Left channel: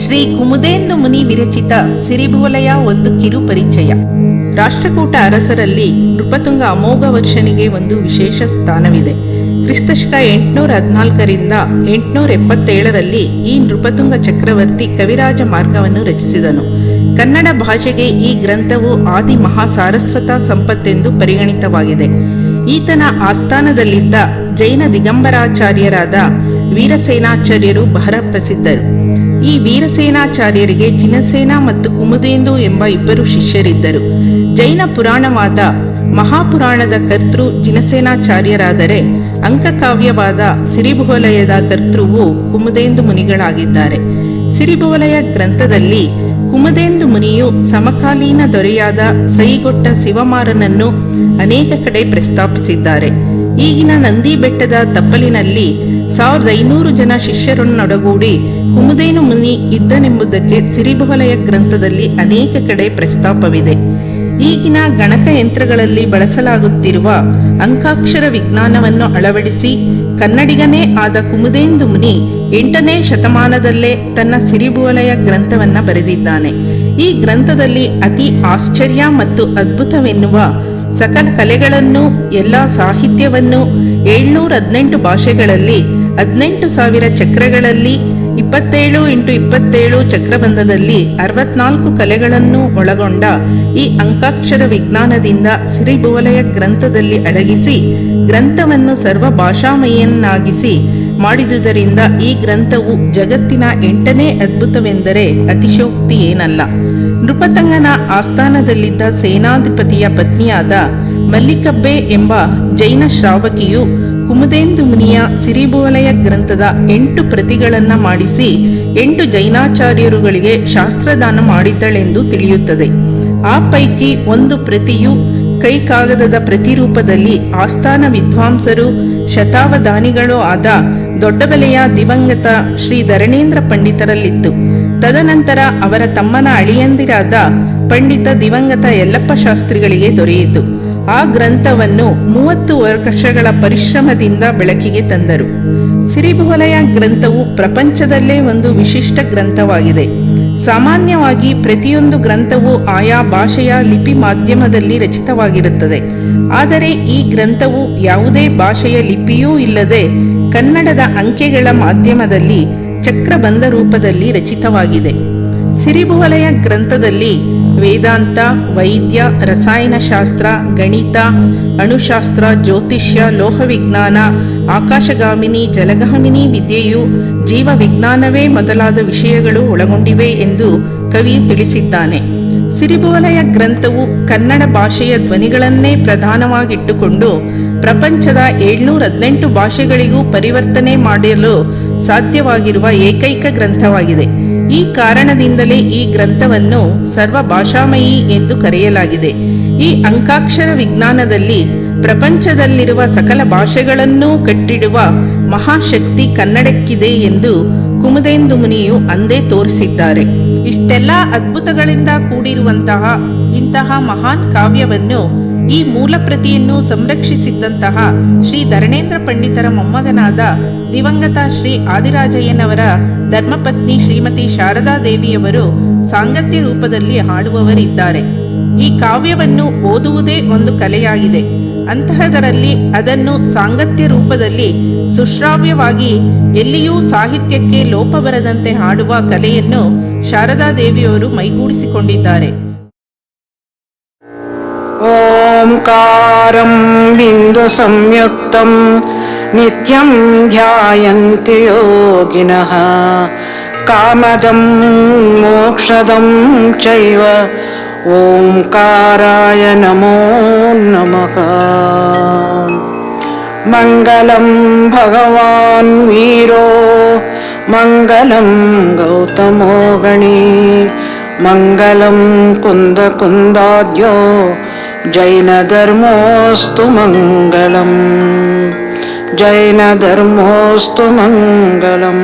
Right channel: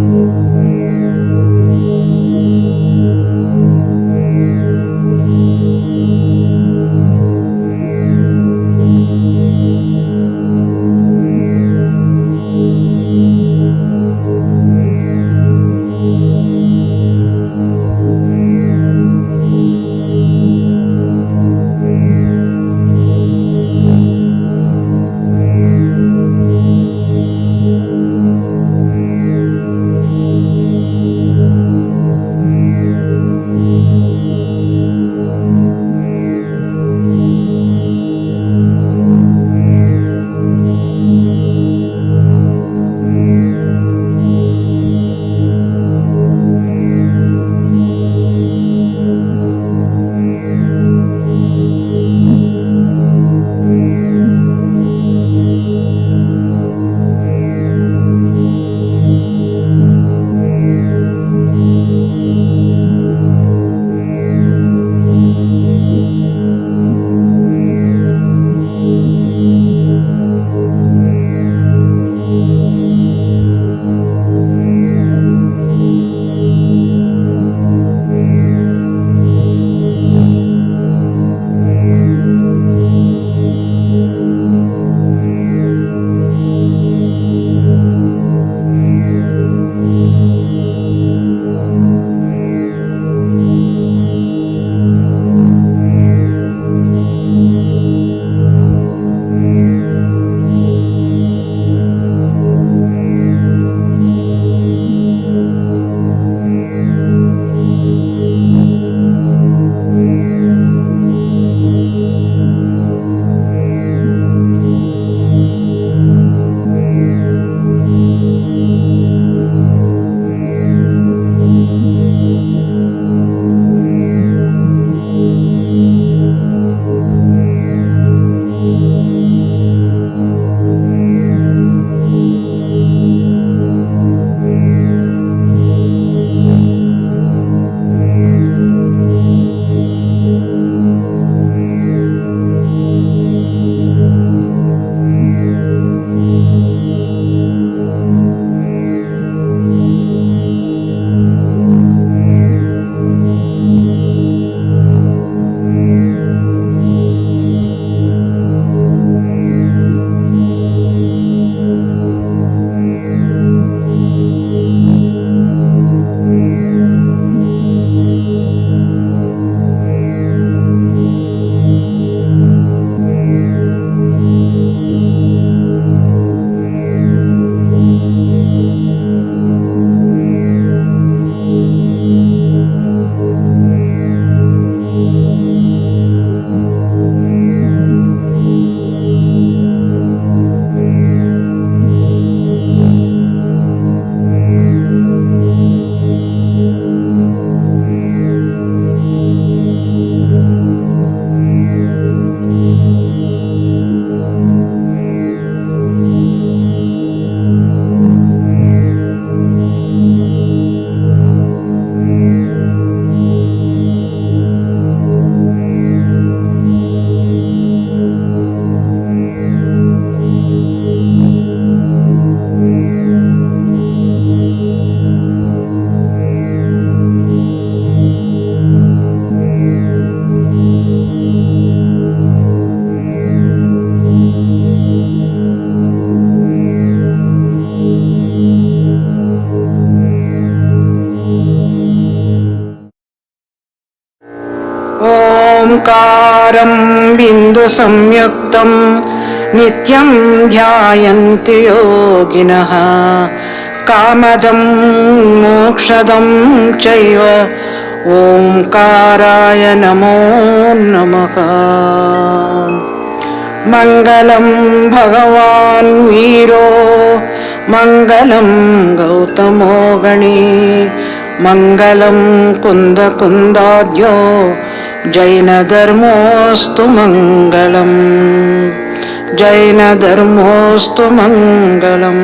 ಶ್ರೀ ಕುಮುದೇಂದು ಮುನಿ ವಿರಚಿತ ಸಿರಿಭುವಲಯ ಒಂದು ಕಿರು ಪರಿಚಯ. ರಾಷ್ಟ್ರಕೂಟ ಅರಸರಲ್ಲಿ ನೃಪತುಂಗ ಅಮೋಘ ವರ್ಷನಿಗೆ ಒಂದು ವಿಶೇಷ ಸ್ಥಾನವಿದೆ. ಕ್ರಿಸ್ತಶಕ 814ರಿಂದ 877ರಲ್ಲಿ ಈ ನೃಪತುಂಗ ಚಕ್ರವರ್ತಿ ಕವಿರಾಜ ಮಾರ್ಗವನ್ನು ರಚಿಸಿದನು. ಕನ್ನಡ ಭಾಷೆಗೆ ಈ ಗ್ರಂಥವು ಆದಿ ಮಹಾಸಾರಸ್ವತ ಸಂಪತ್ತೆಂದು ಪರಿಗಣಿತವಾಗಿದೆ. ಈತನ ಆಸ್ಥಾನದಲ್ಲಿದ್ದ ಜೈನ ದಿಗಂಬರಾಚಾರ್ಯರಾದ ವೀರಸೇನಾಚಾರ್ಯರು ಬಹಳ ಪ್ರಸಿದ್ಧರು. ಈ ವೀರಸೇನಾಚಾರ್ಯರಿಗೆ ಜಿನಸೇನ ಮತ್ತು ಕುಮುದೇಂದು ಎಂಬ ಇಬ್ಬರು ಶಿಷ್ಯರಿದ್ದರು. ಜೈನ ಪುರಾಣವಾದ ಮಹಾಪುರಾಣದ ಕರ್ತೃ ಜಿನಸೇನಾಚಾರ್ಯರಾದರೆ ಅಂಕಕಾವ್ಯವಾದ ಸಿರಿಭುವಲಯದ ಕರ್ತೃವು ಕುಮುದೇಂದು ಮುನಿಗಳಾಗಿದ್ದಾರೆ. ಸಿರಿಭುವಲಯ ಗ್ರಂಥದಲ್ಲಿ ಕುಮುದೇಂದು ಮುನಿಯು ಸಮಕಾಲೀನ ದೊರೆಯಾದ ಸೈಗೊಟ್ಟ ಶಿವಮಾರನನ್ನು ಅನೇಕ ಕಡೆ ಪ್ರಸ್ತಾಪಿಸಿದ್ದಾರೆ. ಈಗಿನ ನಂದಿ ಬೆಟ್ಟದ ತಪ್ಪಲಿನಲ್ಲಿ 1500 ಜನ ಶಿಷ್ಯರನ್ನೊಡಗೂಡಿ ಕುಮುದೇನು ಮುನಿ ಇದ್ದನೆಂಬುದಕ್ಕೆ ಸಿರಿಭುವಲಯ ಗ್ರಂಥದಲ್ಲಿ ಅನೇಕ ಕಡೆ ಪ್ರಸ್ತಾಪವಿದೆ. ಈಗಿನ ಗಣಕಯಂತ್ರಗಳಲ್ಲಿ ಬಳಸಲಾಗುತ್ತಿರುವ ಅಂಕಾಕ್ಷರ ವಿಜ್ಞಾನವನ್ನು ಅಳವಡಿಸಿ ಕನ್ನಡಿಗನೇ ಆದ ಕುಮುದೇಂದು ಮುನಿ 8ನೇ ಶತಮಾನದಲ್ಲೇ ತನ್ನ ಸಿರಿಭುವಲಯ ಗ್ರಂಥವನ್ನ ಬರೆದಿದ್ದಾನೆ. ಈ ಗ್ರಂಥದಲ್ಲಿ ಅತಿ ಆಶ್ಚರ್ಯ ಮತ್ತು ಅದ್ಭುತವೆನ್ನುವ ಸಕಲ ಕಲೆಗಳನ್ನು, ಎಲ್ಲ ಸಾಹಿತ್ಯವನ್ನು 718 ಭಾಷೆಗಳಲ್ಲಿ 18,000 ಚಕ್ರಗಳಲ್ಲಿ 27x27 ಚಕ್ರಬಂಧದಲ್ಲಿ 64 ಕಲೆಗಳನ್ನು ಒಳಗೊಂಡ ಈ ಅಂಕಾಕ್ಷರ ವಿಜ್ಞಾನದಿಂದ ಸಿರಿಭುವಲಯ ಗ್ರಂಥದಲ್ಲಿ ಅಡಗಿಸಿ ಗ್ರಂಥವನ್ನು ಸರ್ವ ಭಾಷಾಮಯನ್ನಾಗಿಸಿ ಮಾಡಿದುದರಿಂದ ಈ ಗ್ರಂಥವು ಜಗತ್ತಿನ 8ನೇ ಅದ್ಭುತವೆಂದರೆ ಅತಿಶಯೋಕ್ತಿ ಏನಲ್ಲ. ನೃಪತಂಗನ ಆಸ್ಥಾನದಲ್ಲಿದ್ದ ಸೇನಾಧಿಪತಿಯ ಪತ್ನಿಯಾದ ಮಲ್ಲಿಕಬ್ಬೆ ಎಂಬ ಜೈನ ಶ್ರಾವಕಿಯು ಕುಮುದೇಂದು ಮುನಿಯ ಸಿರಿಭುವಲಯ ಗ್ರಂಥದ 8 ಪ್ರತಿಗಳನ್ನು ಮಾಡಿಸಿ 8 ಜೈನಾಚಾರ್ಯರುಗಳಿಗೆ ಶಾಸ್ತ್ರದಾನ ಮಾಡಿದ್ದಳೆಂದು ತಿಳಿಯುತ್ತದೆ. ಆ ಪೈಕಿ ಒಂದು ಪ್ರತಿಯು ಕೈಕಾಗದದ ಪ್ರತಿರೂಪದಲ್ಲಿ ಆಸ್ಥಾನ ವಿದ್ವಾಂಸರು ಶತಾವಧಾನಿಗಳೂ ಆದ ದೊಡ್ಡಬಲೆಯ ದಿವಂಗತ ಶ್ರೀ ಧರಣೇಂದ್ರ ಪಂಡಿತರಲ್ಲಿತ್ತು. ತದನಂತರ ಅವರ ತಮ್ಮನ ಅಳಿಯಂದಿರಾದ ಪಂಡಿತ ದಿವಂಗತ ಯಲ್ಲಪ್ಪ ಶಾಸ್ತ್ರಿಗಳಿಗೆ ದೊರೆಯಿತು. ಆ ಗ್ರಂಥವನ್ನು 30 ವರ್ಷಗಳ ಪರಿಶ್ರಮದಿಂದ ಬೆಳಕಿಗೆ ತಂದರು. ಸಿರಿಭುವಲಯ ಗ್ರಂಥವು ಪ್ರಪಂಚದಲ್ಲೇ ಒಂದು ವಿಶಿಷ್ಟ ಗ್ರಂಥವಾಗಿದೆ. ಸಾಮಾನ್ಯವಾಗಿ ಪ್ರತಿಯೊಂದು ಗ್ರಂಥವು ಆಯಾ ಭಾಷೆಯ ಲಿಪಿ ಮಾಧ್ಯಮದಲ್ಲಿ ರಚಿತವಾಗಿರುತ್ತದೆ. ಆದರೆ ಈ ಗ್ರಂಥವು ಯಾವುದೇ ಭಾಷೆಯ ಲಿಪಿಯೂ ಇಲ್ಲದೆ ಕನ್ನಡದ ಅಂಕೆಗಳ ಮಾಧ್ಯಮದಲ್ಲಿ ಚಕ್ರಬಂಧ ರೂಪದಲ್ಲಿ ರಚಿತವಾಗಿದೆ. ಸಿರಿಭುವಲಯ ಗ್ರಂಥದಲ್ಲಿ ವೇದಾಂತ, ವೈದ್ಯ, ರಸಾಯನಶಾಸ್ತ್ರ, ಗಣಿತ, ಅಣುಶಾಸ್ತ್ರ, ಜ್ಯೋತಿಷ್ಯ, ಲೋಹವಿಜ್ಞಾನ, ಆಕಾಶಗಾಮಿನಿ, ಜಲಗಾಮಿನಿ ವಿದ್ಯೆಯು ಜೀವವಿಜ್ಞಾನವೇ ಮೊದಲಾದ ವಿಷಯಗಳು ಒಳಗೊಂಡಿವೆ ಎಂದು ಕವಿಯು ತಿಳಿಸಿದ್ದಾನೆ. ಸಿರಿಭುವಲಯ ಗ್ರಂಥವು ಕನ್ನಡ ಭಾಷೆಯ ಧ್ವನಿಗಳನ್ನೇ ಪ್ರಧಾನವಾಗಿಟ್ಟುಕೊಂಡು ಪ್ರಪಂಚದ 718 ಭಾಷೆಗಳಿಗೂ ಪರಿವರ್ತನೆ ಮಾಡಲು ಸಾಧ್ಯವಾಗಿರುವ ಏಕೈಕ ಗ್ರಂಥವಾಗಿದೆ. ಈ ಕಾರಣದಿಂದಲೇ ಈ ಗ್ರಂಥವನ್ನು ಸರ್ವ ಭಾಷಾಮಯಿ ಎಂದು ಕರೆಯಲಾಗಿದೆ. ಈ ಅಂಕಾಕ್ಷರ ವಿಜ್ಞಾನದಲ್ಲಿ ಪ್ರಪಂಚದಲ್ಲಿರುವ ಸಕಲ ಭಾಷೆಗಳನ್ನೂ ಕಟ್ಟಿಡುವ ಮಹಾಶಕ್ತಿ ಕನ್ನಡಕ್ಕಿದೆ ಎಂದು ಕುಮುದೇಂದು ಮುನಿಯು ಅಂದೇ ತೋರಿಸಿದ್ದಾರೆ. ಇಷ್ಟೆಲ್ಲ ಅದ್ಭುತಗಳಿಂದ ಕೂಡಿರುವಂತಹ ಇಂತಹ ಮಹಾನ್ ಕಾವ್ಯವನ್ನು, ಈ ಮೂಲ ಪ್ರತಿಯನ್ನು ಸಂರಕ್ಷಿಸಿದ್ದಂತಹ ಶ್ರೀ ಧರಣೇಂದ್ರ ಪಂಡಿತರ ಮೊಮ್ಮಗನಾದ ದಿವಂಗತ ಶ್ರೀ ಆದಿರಾಜಯ್ಯನವರ ಧರ್ಮಪತ್ನಿ ಶ್ರೀಮತಿ ಶಾರದಾ ದೇವಿಯವರು ಸಾಂಗತ್ಯ ರೂಪದಲ್ಲಿ ಹಾಡುವವರಿದ್ದಾರೆ. ಈ ಕಾವ್ಯವನ್ನು ಓದುವುದೇ ಒಂದು ಕಲೆಯಾಗಿದೆ. ಅಂತಹದರಲ್ಲಿ ಅದನ್ನು ಸಾಂಗತ್ಯ ರೂಪದಲ್ಲಿ ಸುಶ್ರಾವ್ಯವಾಗಿ ಎಲ್ಲಿಯೂ ಸಾಹಿತ್ಯಕ್ಕೆ ಲೋಪ ಬರದಂತೆ ಹಾಡುವ ಕಲೆಯನ್ನು ಶಾರದಾ ದೇವಿಯವರು ಮೈಗೂಡಿಸಿಕೊಂಡಿದ್ದಾರೆ. ಓಂಕಾರಂ ಬಿಂದು ಸಂಯುಕ್ತಂ ನಿತ್ಯಂ ಧ್ಯಾಯಂತಿ ಯೋಗಿನಃ ಕಾಮದಂ ಮೋಕ್ಷದಂ ಚೈವ ಓಂಕಾರಾಯ ನಮೋ ನಮಃ. ಮಂಗಲಂ ಭಗವಾನ್ ವೀರೋ ಮಂಗಲಂ ಗೌತಮೋ ಗಣಿ ಮಂಗಲಂ ಕುಂದ ಕುಂದಾದ್ಯೋ ಜೈನ ಧರ್ಮೋಸ್ತು ಮಂಗಲಂ ಜೈನ ಧರ್ಮೋಸ್ತು ಮಂಗಲಂ.